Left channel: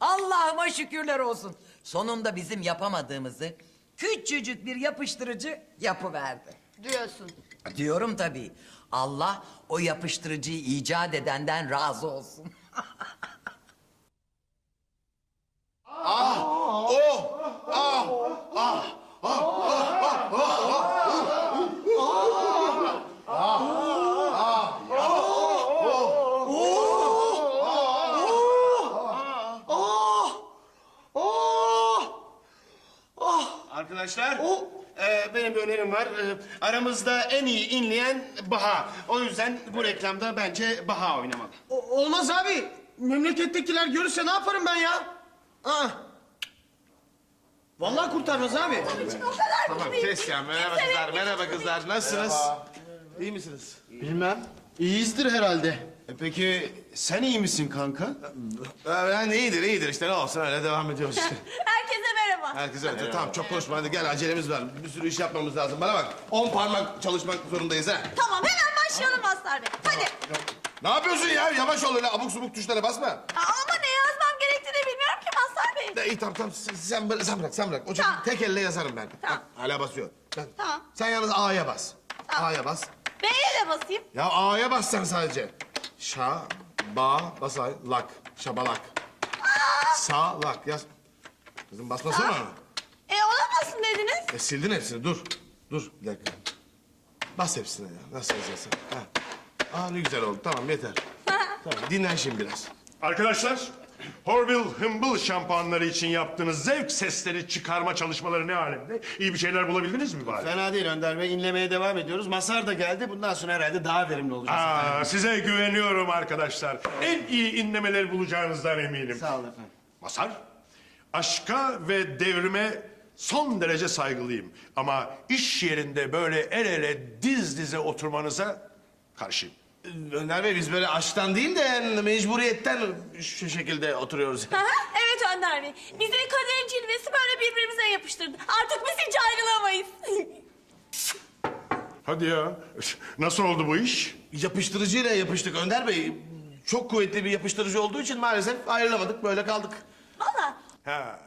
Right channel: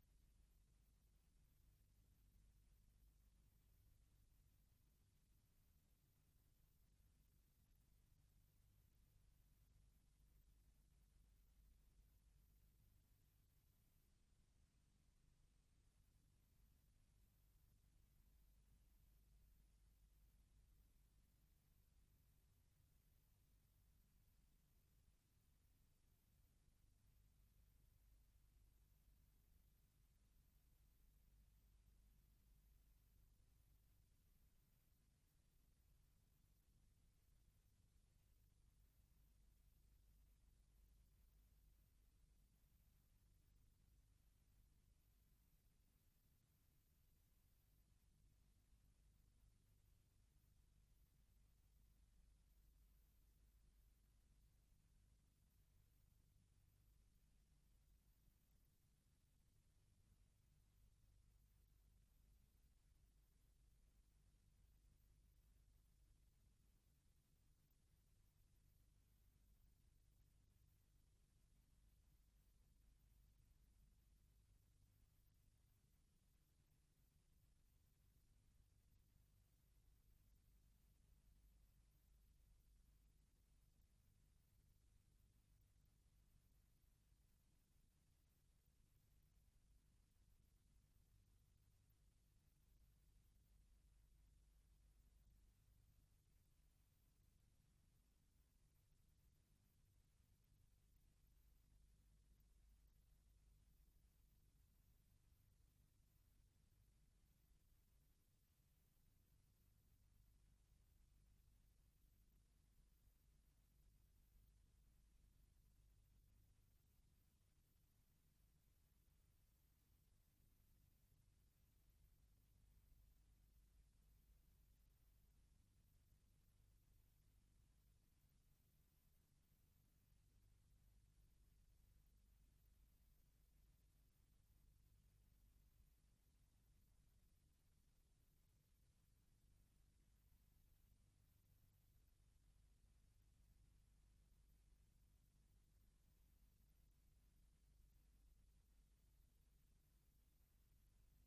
Allah'ıma şükürler olsun. Sonunda bizim yapamadığımızı küçücük bir yapıştırıcı yapıverdi. Diyorsun. Diyorum tabii. Allah o yapıştırıcıyı icat edenden razı olsun. Arkadaşlar, e, benim bir önerim var. E, aramızda en iyi inleyen Baha. O yüzden bu reklamda bence Baha oynamalı. olmaz abi. Memlekettekiler görürse ne yaparım ben ya? Aa. Vallahi kurtarmaz abi. Tamam, kes ya. Merhaba kızlar, merhaba kızlar. Nasılsınız? İyi misiniz? Bilmem. İyiyizdir herhalde. E, peki sen iyi misin kanka? Ben iyidir, iyidir. İşte ne olsun öyle devam ediyoruz işte. Herkese merhaba. Herkese öyle. Tamam çok konuşma hadi gel acelemiz var. Bir sürü iş yapmamız lazım. Bana bak. On parmak çalışmak zorundayız ha. Tamam hemen başlayalım Mazhar Bey. Hadi. Ne yapıyorsun ya? Yavaş ol öyle abuk subuk tuşlara basma. Aa, Ama ne yazmam gerektiğini bilmiyorum ki Mazhar Bey. De, iyi tamam tamam sen, sen, bırak- sen bırak sen bırak. O çocuk Tamam. tek elle yazarım ben. Tamam. Bak, hala basıyor. Ben- Tamam. Sen yalnız A'ya bas. Tamam. A'ya bas. B'ye de basayım. Ya A'ya bas sen sadece. Şa, ba, basay, lak, şabalak. Sağ, lak yaz. Kızım basmasana. E olamazsın dediniz. E, sildin hepsini dur. Dur bir dakika. Bas hepsine ya. Nasıl yazıyorsun? Ha. Aa ne güzel oldu. Tamam yeter. tamam dinlen şimdi biraz. Arkadaşlar, Horville Hımble şampuanları için yaptığınız zevk sesleri çıkarma çalışmaları ne alemde? İyi bir şeyler bulabildiniz mi bari? Fena değil Önder Bey. İnlemeye devam ediyoruz. Masar da geldi. Bundan sonra herhalde daha verimli olacağız. Aa, size güveniyorum arkadaşlar. En iyi inlemeleri bulacağınızdan eminim. Sağ olun efendim. Masar, aşka ve devrime son derece saygılıyım. Ama iş yerinde böyle el ele diz dize oturmanıza karşıyım. Önder Bey biz böyle aşktan değil de mecburiyetten şu şekilde oturuyoruz. Hı, evet Önder Bey. Bizi kaderin cilvesi böyle birbirimize yapıştırdı. Artık biz hiç ayrılamayız. Hadi ya, nasıl oldu bu iş? Yapıştırıcıyla yapıştık Önder Bey. Çok kuvvetli bir yapıştırıcı olduğu için maalesef ayrılamadık. Böyle kaldık. Ha.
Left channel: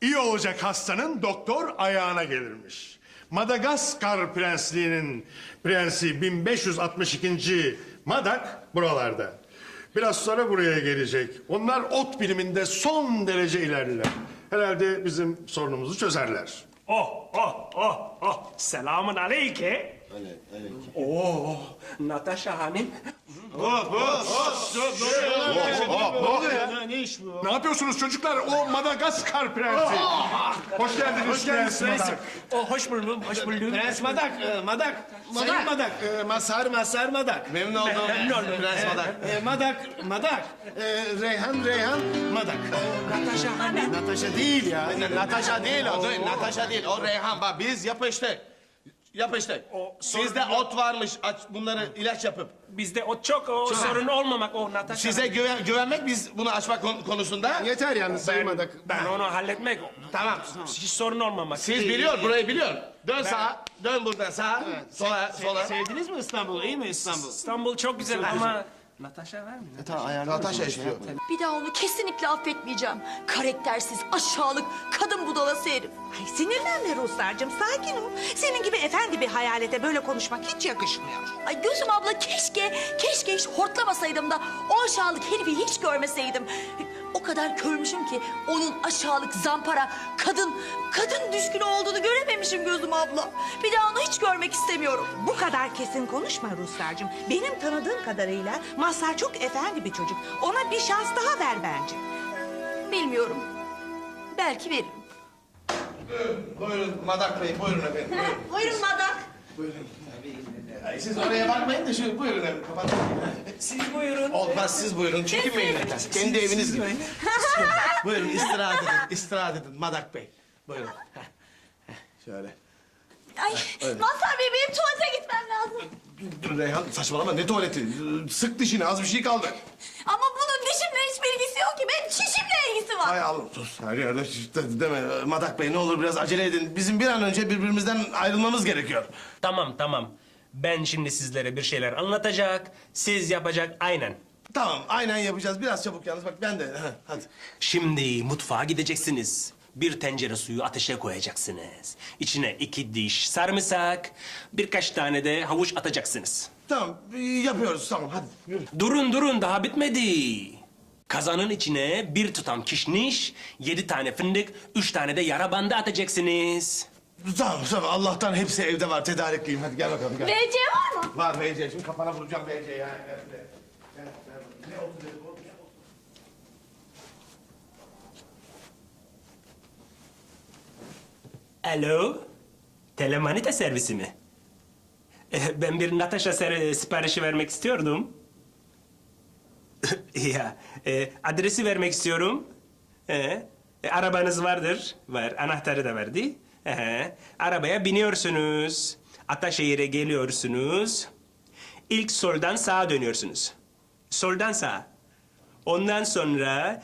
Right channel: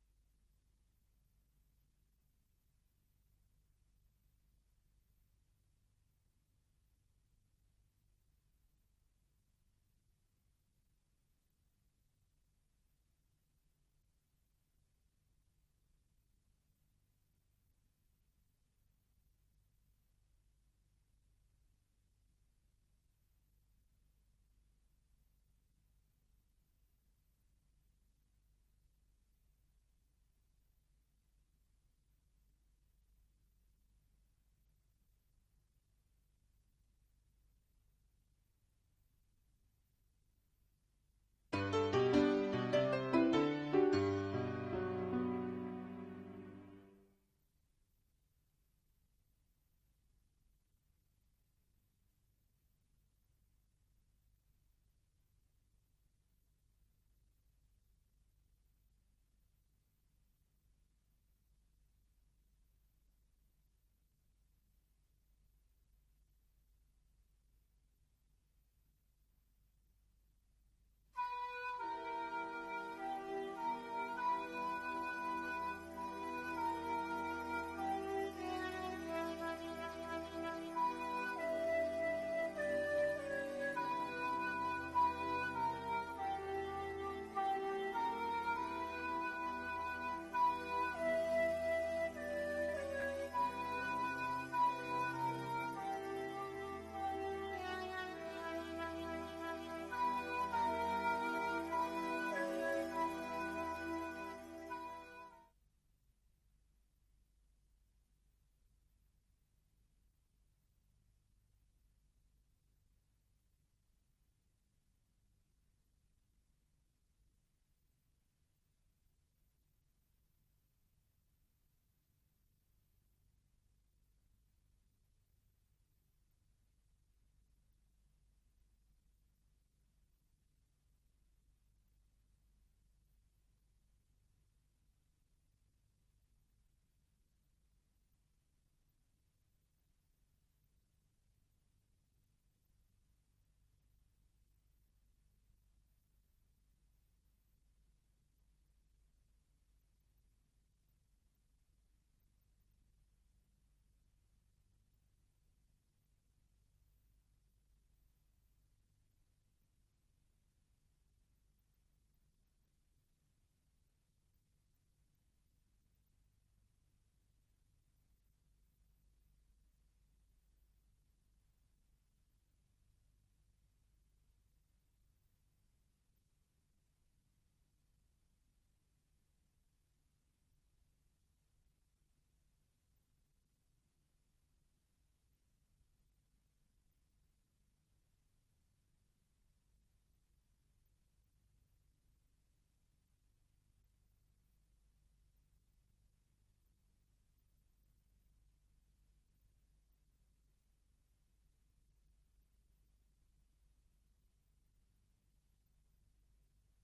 İyi olacak hastanın doktor ayağına gelirmiş. Madagaskar prensliğinin prensi 1562. Madak buralarda. Biraz sonra buraya gelecek. Onlar ot biliminde son derece ilerliler. Herhalde bizim sorunumuzu çözerler. Oh, oh, oh, oh. Selamun aleyke. Oh, Natasha Hanım. Ne iş bu? Ne yapıyorsunuz çocuklar? O Madagaskar prensi. Hoş geldiniz, prens Madak. Oh, hoş buldum, hoş buldum. Prens Madak, e, Madak. Sayın Madak. E, Mazhar, Mazhar Madak. Memnun oldum. Memnun oldum. Prens Madak. E, Madak, Madak. E, Reyhan, Reyhan, Madak. Natasha Hanım. Natasha değil ya. Natasha değil o. Natasha değil. O Reyhan. Bak biz yapıştık. O sorun Sizde yok. ot varmış. Aç bunları ilaç yapıp. Bizde o çok o sorun olmamak o Natasha Size güven, güvenmek biz bunu açmak kon- konusunda. Yeter yalnız ben, saymadık. ben onu halletmek. Tamam. Hiç sorun olmamak. Siz biliyor, burayı biliyor. Dön sağa, dön buradan sağa, sola, sola. Sevdiniz mi İstanbul'u? İyi mi İstanbul? İstanbul çok güzel ama Natasha var mı? Natasha istiyor. Bir daha onu kesinlikle affetmeyeceğim. Karaktersiz, aşağılık, kadın budalası herif. Ay sinirlenme Ruslarcığım sakin ol. Senin gibi efendi bir hayalete böyle konuşmak hiç yakışmıyor. Ay gözüm abla keşke, keşke hiç hortlamasaydım da o aşağılık herifi hiç görmeseydim. O kadar körmüşüm ki onun aşağılık, zampara, kadın, kadın düşkünü olduğunu görememişim gözüm abla. Bir daha onu hiç görmek istemiyorum. Bu kadar kesin konuşma Ruslarcığım. Benim tanıdığım kadarıyla Mazhar çok efendi bir çocuk. Ona bir şans daha ver bence. Bilmiyorum. Belki veririm. Buyurun Madak Bey, buyurun efendim. Buyurun. Buyurun Madak. Ay, Siz oraya bakmayın da şu buyurun efendim. Kapatın. Siz buyurun. Olmaz siz buyurun. Çekinmeyin efendim. Kendi eviniz gibi. buyurun istirahat edin. istirahat edin Madak Bey. Buyurun. Şöyle. Ay Mazhar Bey benim tuvalete gitmem lazım. Dur Reyhan saçmalama ne tuvaleti? Sık dişini az bir şey kaldı. Ama bunun dişimle hiçbir ilgisi yok ki. Benim çişimle ilgisi var. Hay Allah sus her yerde şiş- de- deme. Madak Bey ne olur biraz acele edin. Bizim bir an önce birbirimizden ayrılmamız gerekiyor. Tamam tamam. Ben şimdi sizlere bir şeyler anlatacak. Siz yapacak aynen. Tamam aynen yapacağız. Biraz çabuk yalnız bak ben de. Ha, hadi. Şimdi mutfağa gideceksiniz. Bir tencere suyu ateşe koyacaksınız. İçine iki diş sarımsak, birkaç tane de havuç atacaksınız. Tamam e, yapıyoruz tamam hadi yürü. Durun durun daha bitmedi. Kazanın içine bir tutam kişniş, yedi tane fındık, üç tane de yara bandı atacaksınız. Tamam tamam Allah'tan hepsi evde var tedarikliyim. Hadi gel bakalım gel. VC var mı? Var VC şimdi kafana vuracağım VC ya. Gel, gel. Gel, gel. Ne oldu dedim, oğlum? Alo, telemanita servisi mi? Eh, Ben bir Natasha ser- siparişi vermek istiyordum. ya, e, adresi vermek istiyorum. E, e, arabanız vardır. Var, anahtarı da verdi. Ehe, arabaya biniyorsunuz. Ataşehir'e geliyorsunuz. İlk soldan sağa dönüyorsunuz. Soldan sağa. Ondan sonra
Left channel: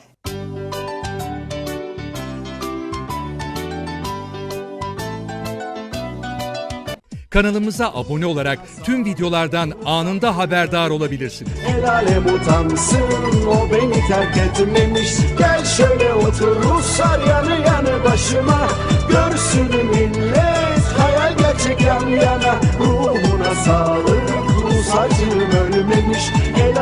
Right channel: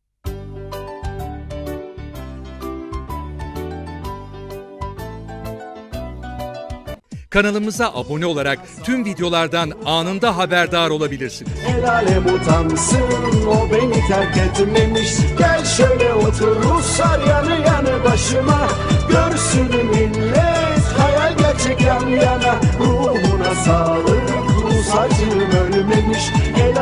Kanalımıza abone olarak tüm videolardan anında haberdar olabilirsiniz. El alem utansın o beni terk etmemiş Gel şöyle otur Ruslar yanı yanı başıma Görsün millet hayal gerçek yan yana. Ruhuna sağlık Rus acım ölmemiş. El